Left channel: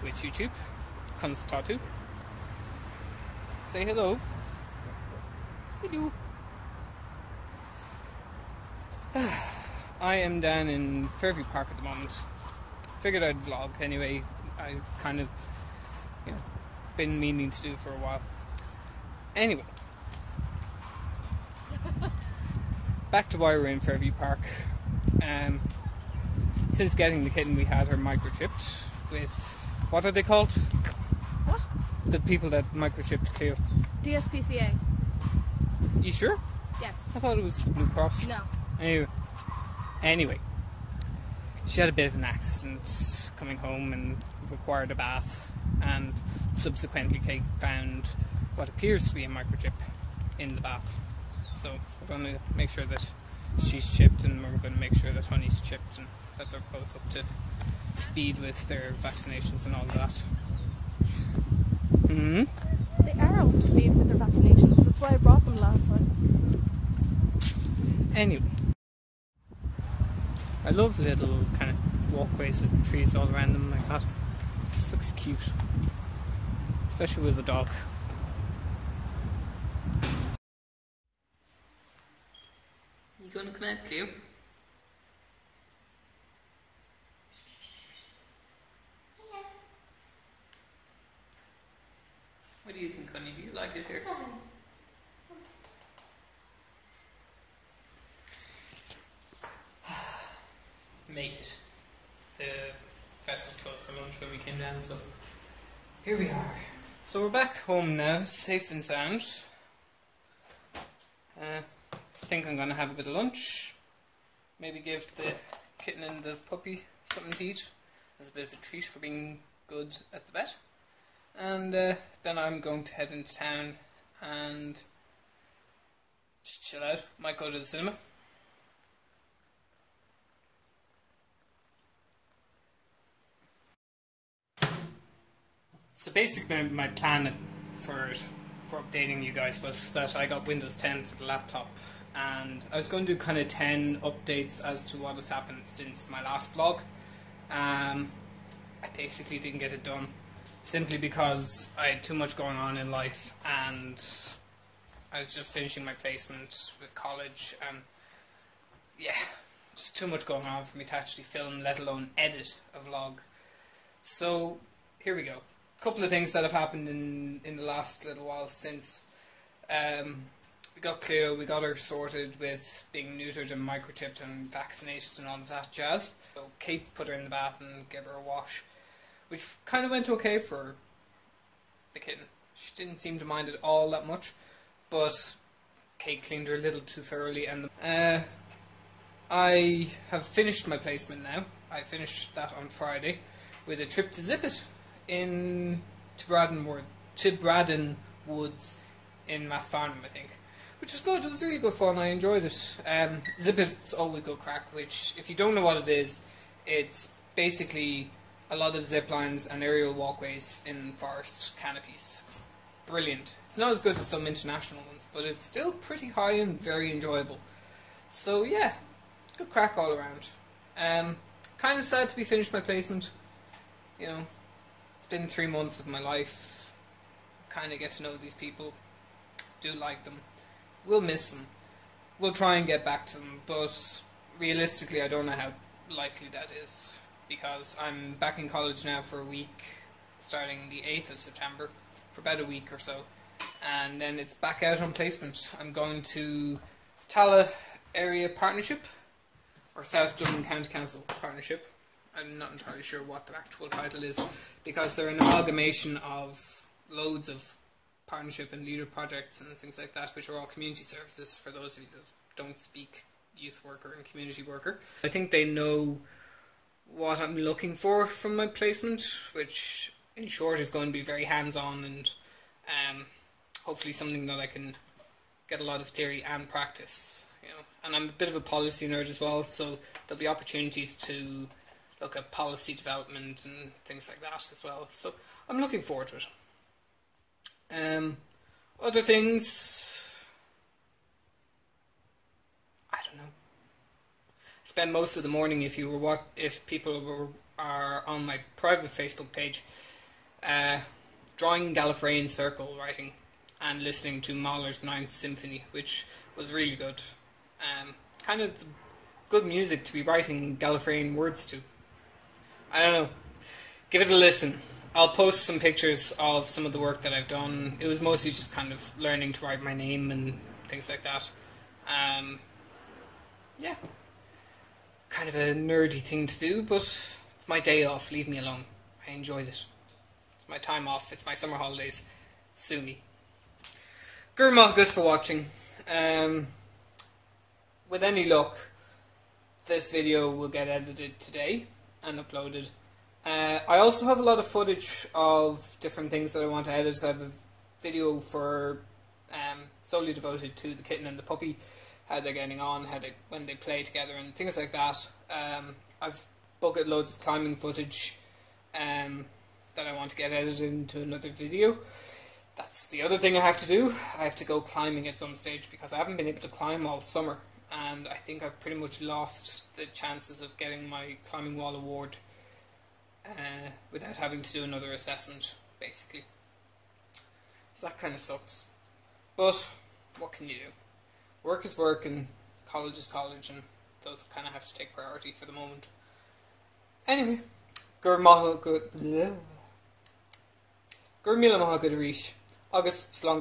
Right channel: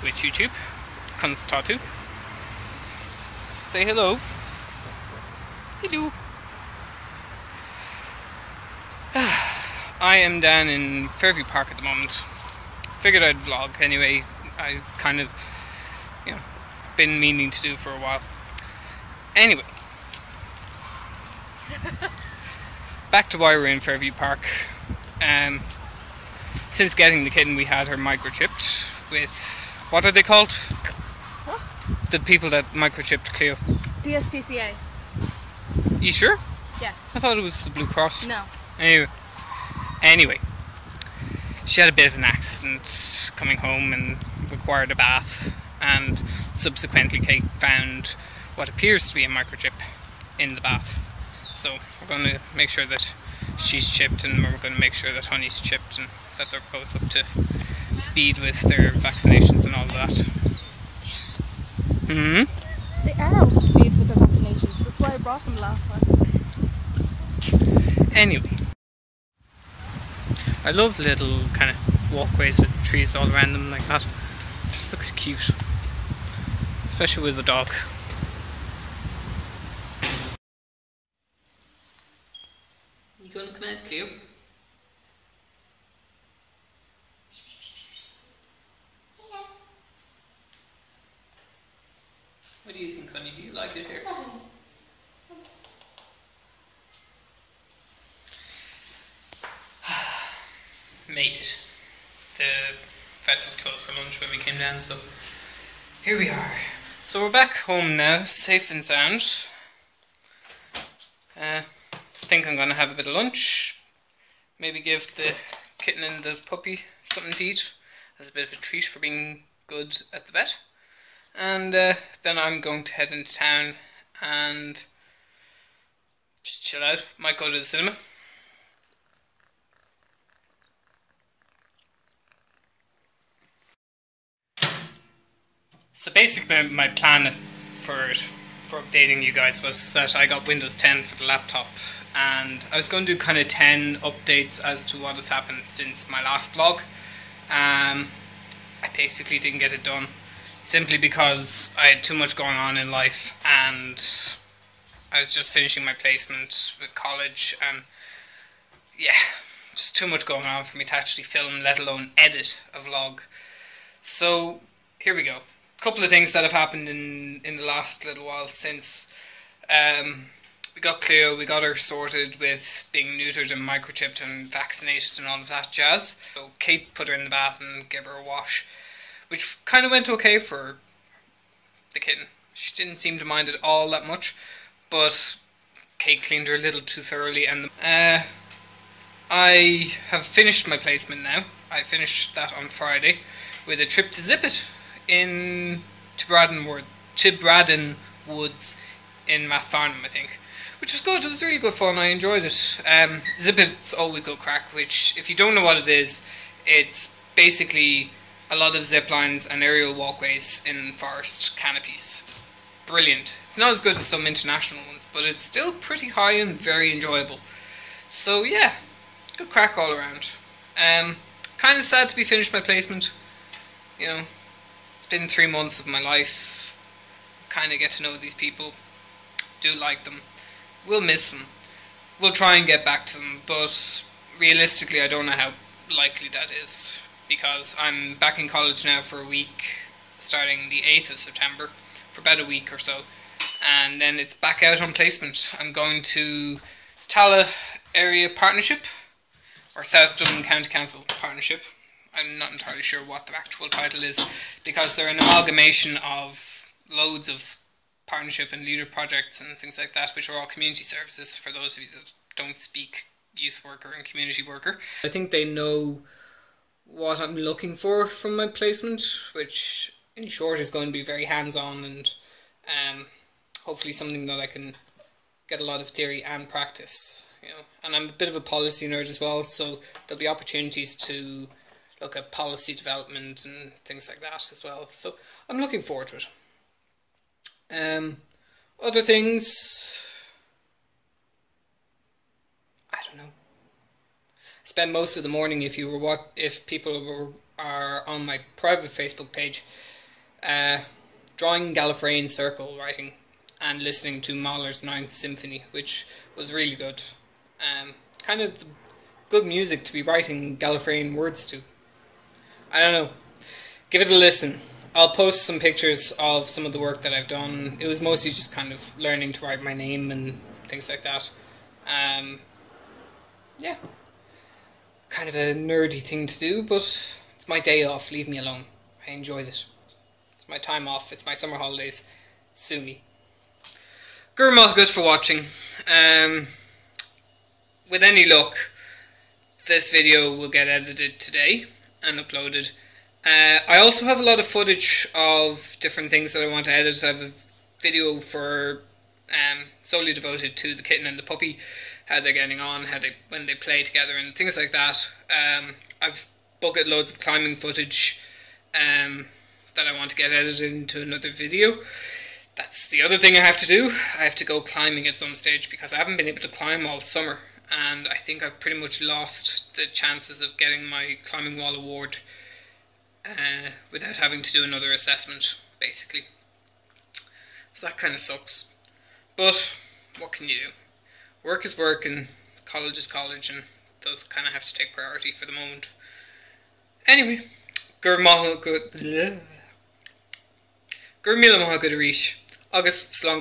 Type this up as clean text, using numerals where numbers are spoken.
with YouTube. Comes Tattoo. Say hello. Hello. I am down in Fairview Park at the moment. Figured I'd vlog anyway. I kind of, been meaning to do for a while. Anyway. Back to why we're in Fairview Park. Since getting the kitten, we had her microchipped with, what are they called? What? The people that microchipped Cleo. DSPCA. You sure? Yes. I thought it was the Blue Cross. No. Anyway, she had a bit of an accident coming home and required a bath, and subsequently Kate found what appears to be a microchip in the bath. So we're going to make sure that she's chipped, and we're going to make sure that Honey's chipped, and that they're both up to speed with their vaccinations and all of that. They are up to speed with their vaccinations. That's why I brought them last time. Anyway, I love little kind of walkways with trees all around them like that. It just looks cute, especially with the dog. You gonna come out, Cleo? What do you think, Honey? Do you like it here? Made it. The fence was closed for lunch when we came down, so here we are. So we're back home now, safe and sound. Think I'm gonna have a bit of lunch. Maybe give the kitten and the puppy something to eat as a bit of a treat for being good at the vet. And then I'm going to head into town and just chill out. Might go to the cinema. So basically my plan for updating you guys was that I got Windows 10 for the laptop, and I was going to do kind of 10 updates as to what has happened since my last vlog. I basically didn't get it done simply because I had too much going on in life, and I was just finishing my placement with college, and yeah, just too much going on for me to actually film, let alone edit a vlog. So here we go. Couple of things that have happened in the last little while since we got Cleo. We got her sorted with being neutered and microchipped and vaccinated and all of that jazz. So Kate put her in the bath and gave her a wash, which kind of went okay for the kitten. She didn't seem to mind it all that much, but Kate cleaned her a little too thoroughly. And I have finished my placement now. I finished that on Friday with a trip to Zip It in Braddon Woods in Math Farnham, I think, which was good. It was really good fun. I enjoyed it. Zip It's always go crack, which, if you don't know what it is, it's basically a lot of zip lines and aerial walkways in forest canopies. It's brilliant. It's not as good as some international ones, but it's still pretty high and very enjoyable. So yeah, good crack all around. Kind of sad to be finished my placement. It's been 3 months of my life. Kind of get to know these people. Do like them. We'll miss them. We'll try and get back to them, but realistically I don't know how likely that is, because I'm back in college now for a week, starting the 8th of September, for about a week or so, and then it's back out on placement. I'm going to Tala Area Partnership, or South Dublin County Council Partnership. I'm not entirely sure what the actual title is, because they're an amalgamation of loads of partnership and leader projects and things like that, which are all community services for those of you that don't speak youth worker and community worker. I think they know what I'm looking for from my placement, which in short is going to be very hands-on and hopefully something that I can get a lot of theory and practice. And I'm a bit of a policy nerd as well, so there'll be opportunities to look at policy development and things like that as well. So I'm looking forward to it. Other things, I don't know. Spent most of the morning, if people are on my private Facebook page. Drawing Gallifreyan circle writing and listening to Mahler's Ninth Symphony, which was really good. Kind of good music to be writing Gallifreyan words to. I don't know. Give it a listen. I'll post some pictures of some of the work that I've done. It was mostly just kind of learning to write my name and things like that. Yeah. Kind of a nerdy thing to do, but it's my day off. Leave me alone. I enjoyed it. It's my time off. It's my summer holidays. Sue me. Gur agat for watching. With any luck, this video will get edited today and uploaded. I also have a lot of footage of different things that I want to edit. I have a video for solely devoted to the kitten and the puppy, how they're getting on, when they play together and things like that. I've bucket loads of climbing footage that I want to get edited into another video. That's the other thing I have to do. I have to go climbing at some stage because I haven't been able to climb all summer, and I think I've pretty much lost the chances of getting my climbing wall award without having to do another assessment, basically. So that kind of sucks. But what can you do? Work is work and college is college, and those kind of have to take priority for the moment. Anyway, gur mila maith agus slán.